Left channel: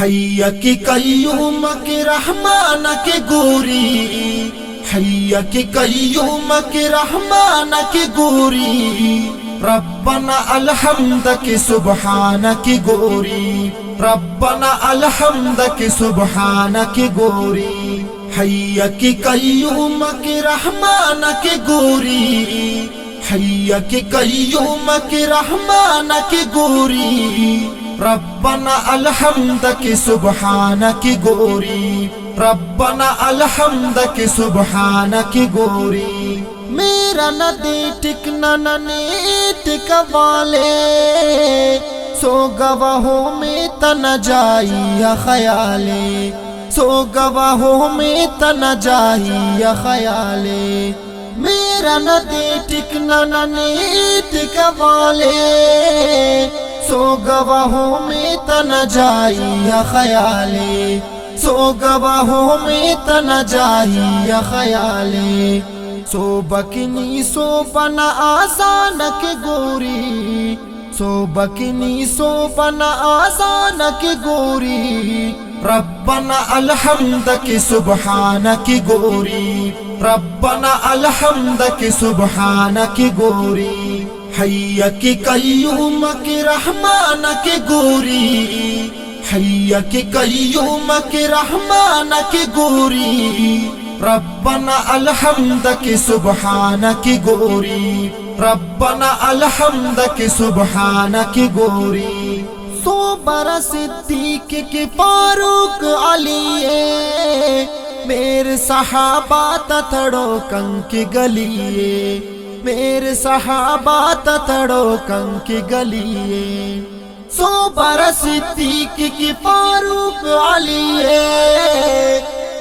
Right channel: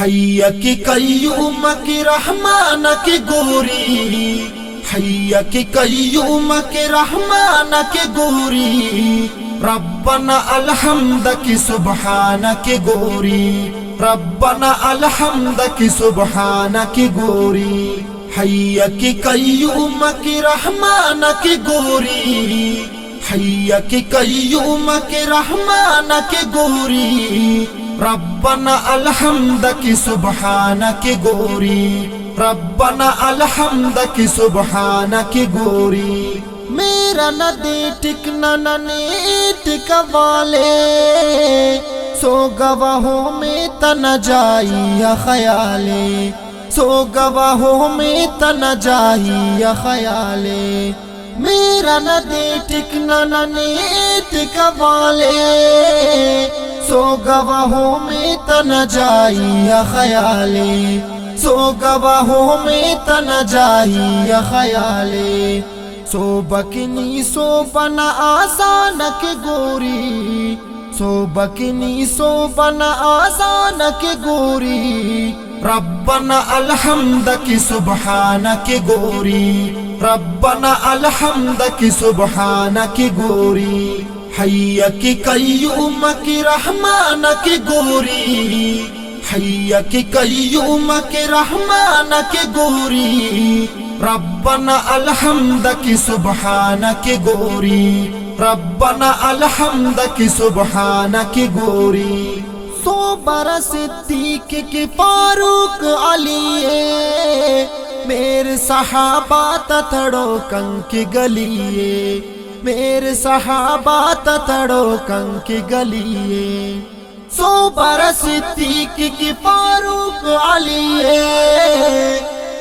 حی کی قیوم کی رحمان کی گوری، حی کی قیوم کی رحمان کی گوری، ربنا الحمد کی سبحان کی گوری، ربنا الحمد کی سبحان کی گوری، حی کی قیوم کی رحمان کی گوری، حی کی قیوم کی رحمان کی گوری، ربنا الحمد کی سبحان کی گوری، ربنا الحمد کی سبحان کی گوری، میرا ندی ٹکنا نیٹک والے، سو گواہوں میں تن جائی خیالے، سو گواہوں میں تن جائی خیالے، میرا ندی ٹکنا نیٹک والے، سو گواہوں میں تن جائی خیالے، سو گواہوں میں تن جائی خیالے، سو بکنی سو بنا آسان کی گوری، سو بکنی سو بنا آسان کی گوری، ربنا الحمد کی سبحان کی گوری، ربنا الحمد کی سبحان کی گوری، حی کی قیوم کی رحمان کی گوری، حی کی قیوم کی رحمان کی گوری، ربنا الحمد کی سبحان کی گوری، ربنا الحمد کی سبحان کی گوری، سو برس صدیق کی فاروق علی، میرے صحابہ تتڑو کن کی گلیے، میرے صحابہ تتڑو کن کی گلیے، سو برس صدیق کی فاروق علی،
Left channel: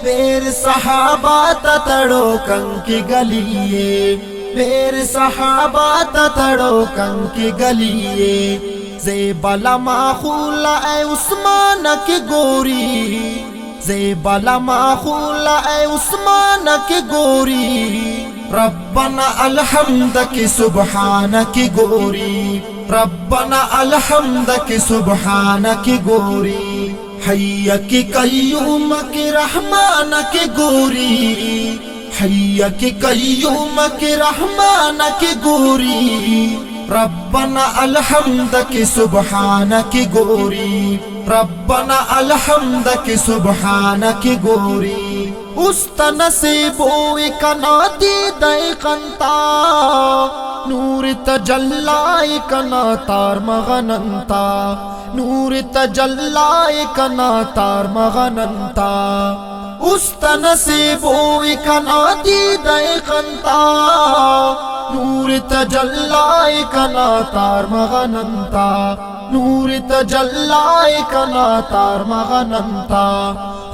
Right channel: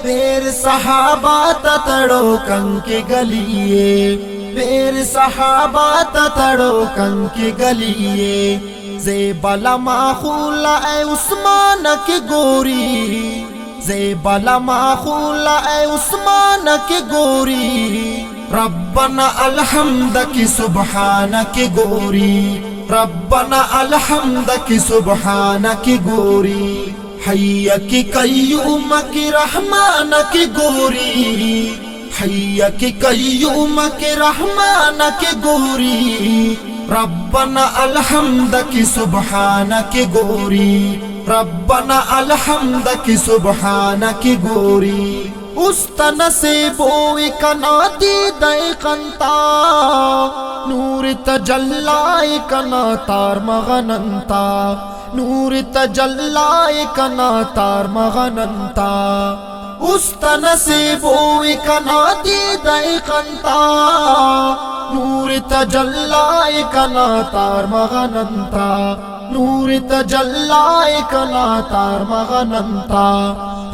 میرے صحابہ تتڑو کن کی گلیے، میرے صحابہ تتڑو کن کی گلیے، زیب لماخول اے عثمان کی گوری، زیب لماخول اے عثمان کی گوری، ربنا الحمد کی سبحان کی گوری، ربنا الحمد کی سبحان کی گوری، حی کی قیوم کی رحمان کی گوری، حی کی قیوم کی رحمان کی گوری، ربنا الحمد کی سبحان کی گوری، ربنا الحمد کی سبحان کی گوری، استن سے بوئی کنا دیدائی کنتا، نور تجلائی کنا تار مغننتا، نور تجلائی کنا تار مغننتا، استن سے بوئی کنا دیدائی کنتا، نور تجلائی کنا تار مغننتا، نور تجلائی کنا تار مغننتا،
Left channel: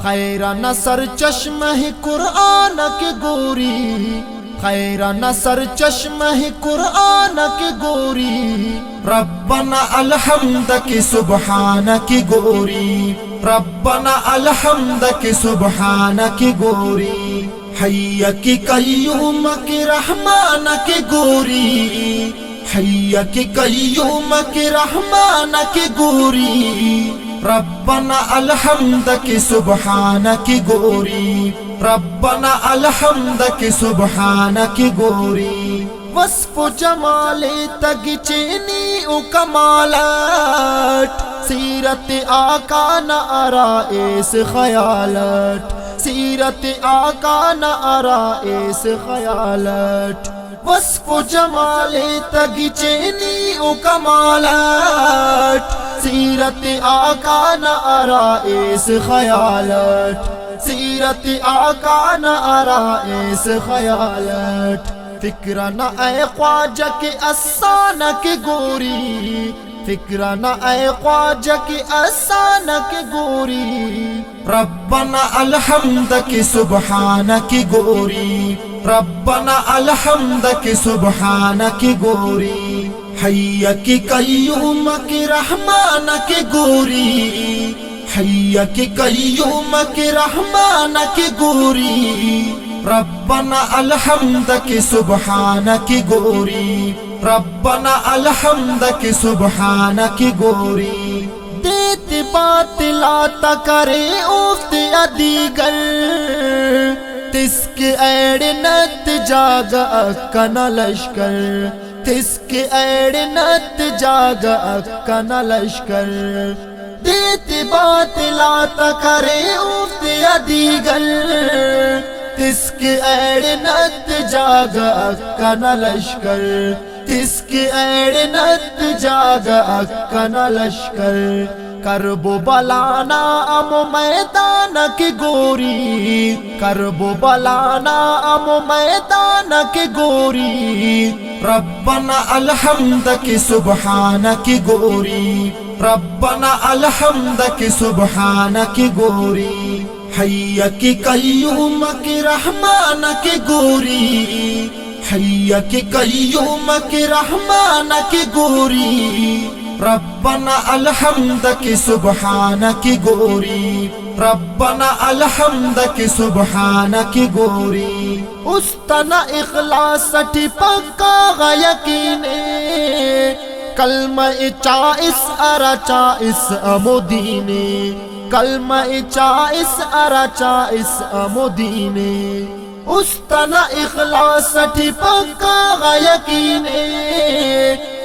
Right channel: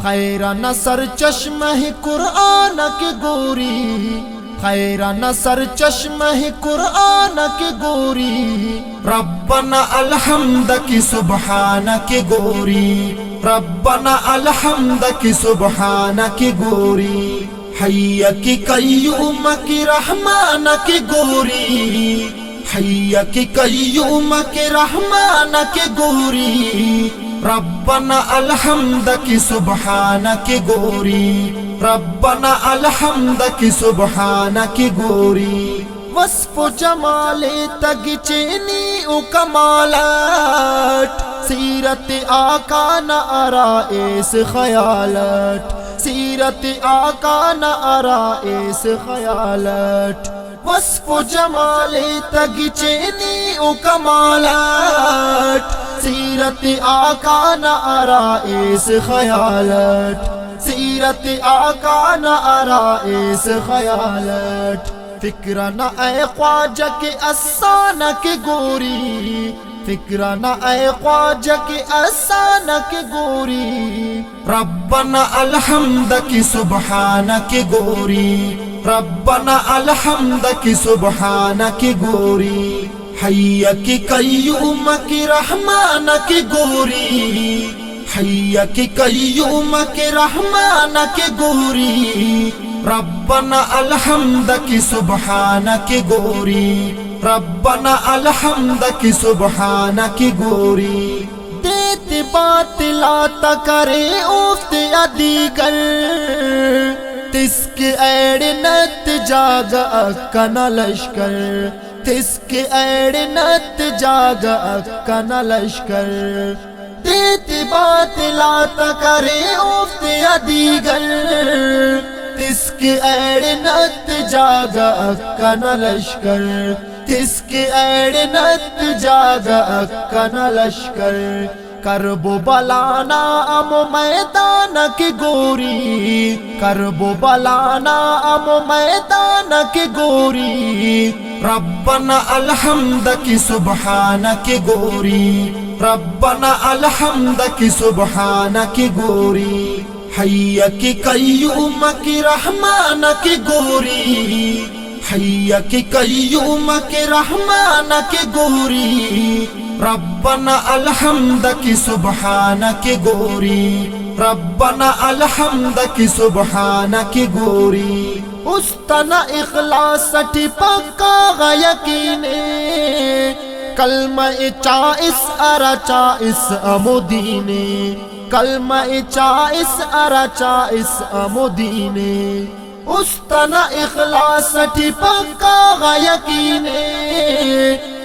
خیر نصر چشمہ قرآن کی گوری، خیر نصر چشمہ قرآن کی گوری، ربنا الحمد کی سبحان کی گوری، ربنا الحمد کی سبحان کی گوری، حی کی قیوم کی رحمان کی گوری، حی کی قیوم کی رحمان کی گوری، ربنا الحمد کی سبحان کی گوری، ربنا الحمد کی سبحان کی گوری، وصف جمال تگ چینی او کمالت، سیرت آقا نہ آرائش خیالت، سیرت آقا نہ آرائش خیالت، وصف جمال تگ چینی او کمالت، سیرت آقا نہ آرائش خیالت، سیرت آقا نہ آرائش خیالت، فکر نہ اے خواجہ کی افسانہ کی گوری، فکر نہ اے خواجہ کی افسانہ کی گوری، ربنا الحمد کی سبحان کی گوری، ربنا الحمد کی سبحان کی گوری، حی کی قیوم کی رحمان کی گوری، حی کی قیوم کی رحمان کی گوری، ربنا الحمد کی سبحان کی گوری، ربنا الحمد کی سبحان کی گوری، دیتے باطلاتا کرے افت ادیگر تس کے ایڑ نت جاگا اکنا لشکر تس کے ایڑ نت جاگا اکنا لشکر دیتے باطلاتا کرے افت ادیگر تس کے ایڑ نت جاگا اکنا لشکر تس کے ایڑ نت جاگا اکنا لشکر کرب و بلانا ام میدان کی گوری کرب و بلانا ام میدان کی گوری ربنا الحمد کی سبحان کی گوری ربنا الحمد کی سبحان کی گوری حی کی قیوم کی رحمان کی گوری حی کی قیوم کی رحمان کی گوری ربنا الحمد کی سبحان کی گوری ربنا الحمد کی سبحان کی گوری استنا اخلاص ٹی پکا یقینے کلمہ چائس ارا چائس امدینے کلمہ چائس ارا چائس امدینے استنا اخلاص ٹی پکا یقینے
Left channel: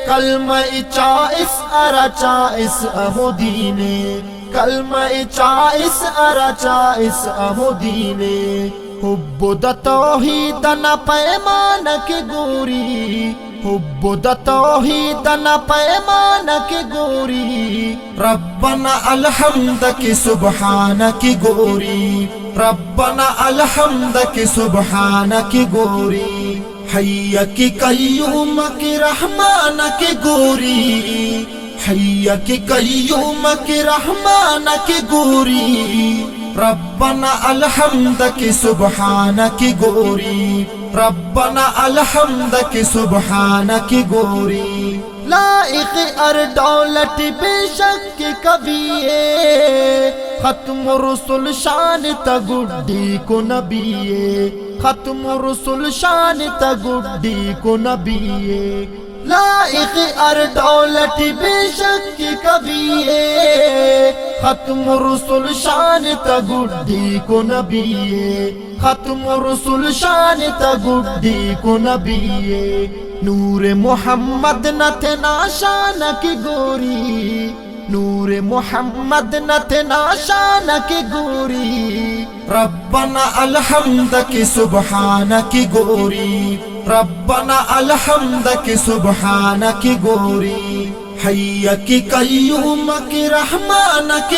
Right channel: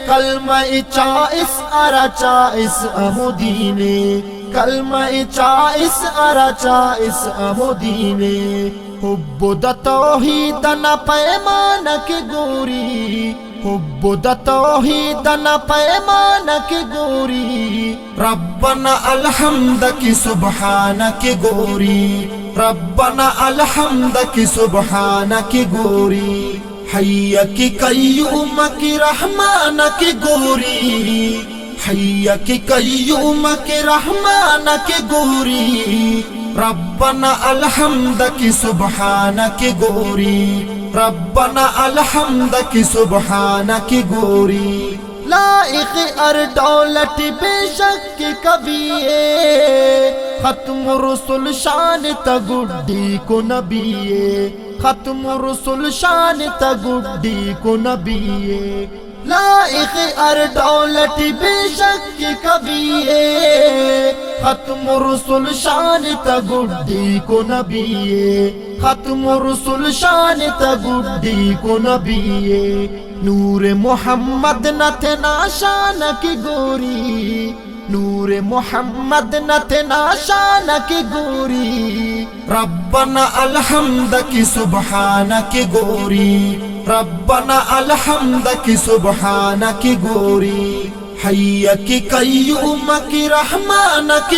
کلمہ چائس ارا چائس امدینے کلمہ چائس ارا چائس امدینے حب دا توحید نا پیمان کی گوری حب دا توحید نا پیمان کی گوری ربنا الحمد کی سبحان کی گوری ربنا الحمد کی سبحان کی گوری حی کی قیوم کی رحمان کی گوری حی کی قیوم کی رحمان کی گوری ربنا الحمد کی سبحان کی گوری ربنا الحمد کی سبحان کی گوری لائق دولت بے شک کبھی ختم رسول شان تا گڈی کو نبی ختم رسول شان تا گڈی کو نبی لائق دولت بے شک کبھی ختم رسول شان تا گڈی کو نبی ختم رسول شان تا گڈی کو نبی نور محمد نتنا شان کی گوری نور محمد نتنا شان کی گوری ربنا الحمد کی سبحان کی گوری ربنا الحمد کی سبحان کی گوری حی کی قیوم کی رحمان کی